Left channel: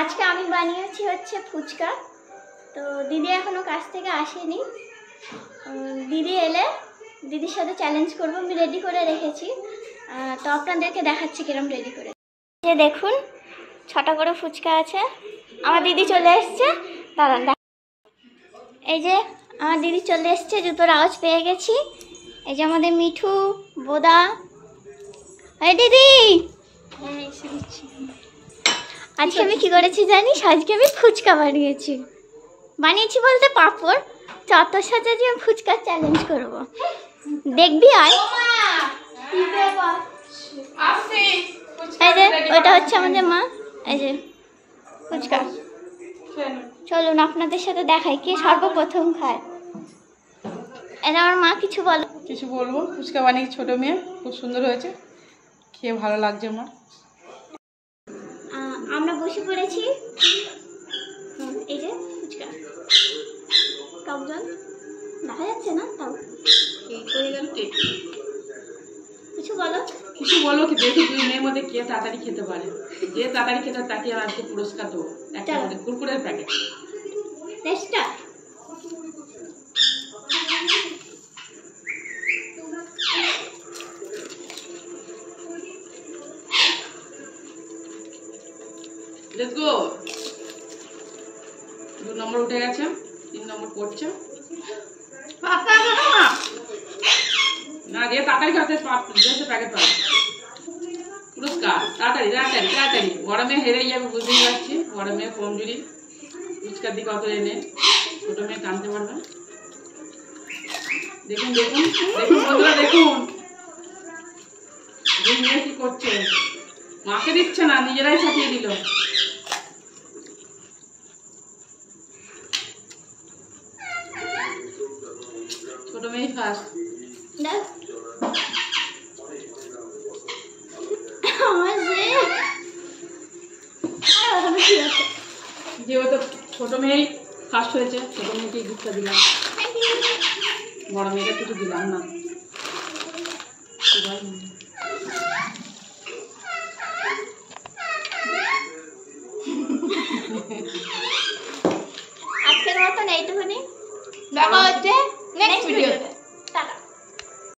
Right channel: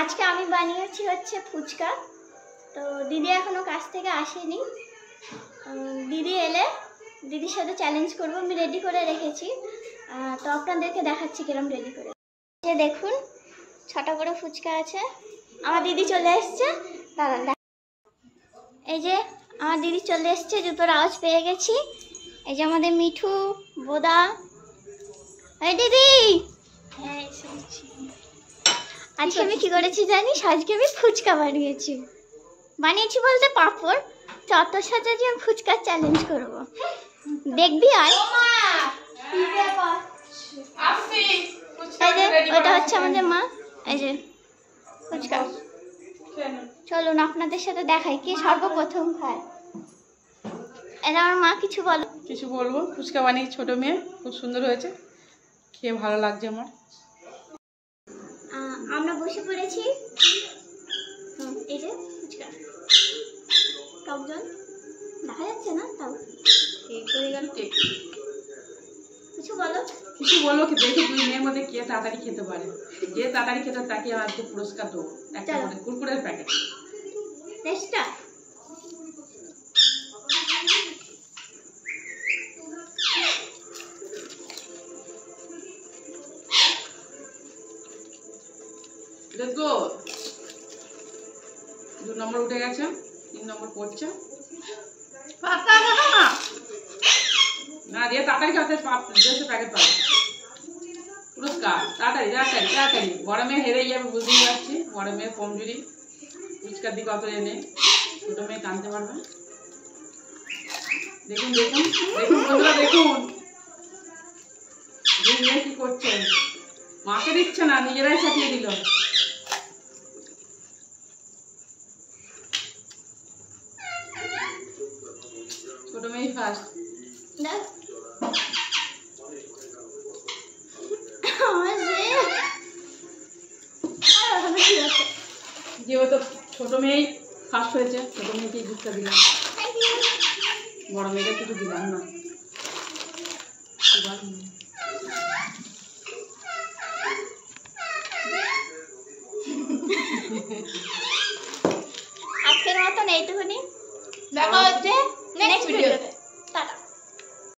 আজকে আমি বানিয়েছি হচ্ছে ফুচকা। তো দিদি এখনো কাজ থেকে আসেনি, দিদি এলে দিদির সাথে চ্যালেঞ্জ করব। আমি রেডি করে রেখেছি, তো আপনাদেরকে দেখাচ্ছি কিরম রেডি করে। যে দেখুন 6টা করে ফুচকা আছে। আমার দিদি চলে এসছে, দাঁড়ান। এই যে আমার দিদি চলে এসছে, জুতোর আওয়াজ পেয়ে গেছি। এই যে আমাদের মিঠু বোদা। এই দিদি, হ্যাঁ এসে দিচ্ছি। আজকে আমি কি করেছি জানিস? আজকে আমি ফুচকা বানিয়েছি বলতে পাঁপড় চত্বর সাজাচ্ছি। আমি ফুচকার চ্যালেঞ্জ করব, দেখবি আয়। এই যে ওটা হচ্ছে আমাদের মা। এই যে ফুচকা, চলুন আপনাদের সাথে দেখাই কে সর্বপ্রথম খায়। এটা আমার মা। কিছু বলো। কিছু বলবো? ফুচকা বানিয়ে ছোট মেয়ে, খুব সুন্দর হয়েছে, খেয়ে ভালো লাগছে আমার। আমরা বসে পড়েছি। এই যে ফুচকা, টক জল দেখা যাচ্ছে না, তাও কিছু বলো। কিছু বলবো কি? দেখি দুই মেয়ের মধ্যে কে তাড়াতাড়ি খেতে পারে। যে তাড়াতাড়ি খেতে তাকে আজকে পুরস্কার দেবো, একটা করে কুরকুরের প্যাকেট। টেস্টটা লেটস গো। 2 নম্বর উঠে গেছে, 3 নম্বর পড়ছে। না যে তাড়াতাড়ি খেতে প্যাকেট পাবে পুরস্কার। তাড়াতাড়ি তাড়াতাড়ি তাড়াতাড়ি, বড় মেয়ে হেরে যাবে বুঝতেই পারছি। বড় মেয়ে কমজুরি, ফুচকার দিকে অত এনে ছোট মেয়ে টানতে পারবে। দেখুন দেখুন দেখুন বন্ধুরা, দেখুন দুই মেয়ে কি করছে। মাকে দিচ্ছে না, নিজেরাই ছাপিয়ে দিল। ছোট মেয়ে ফার্স্ট। যেহেতু ছোট মেয়েই ফার্স্ট হয়েছে, ছোট মেয়েকে গিফটটা দিলাম, বড় মেয়েকে কিছু দিলাম না। আজকের মতন এইটুকুনি, দেখা হচ্ছে নেক্সট ভিডিও।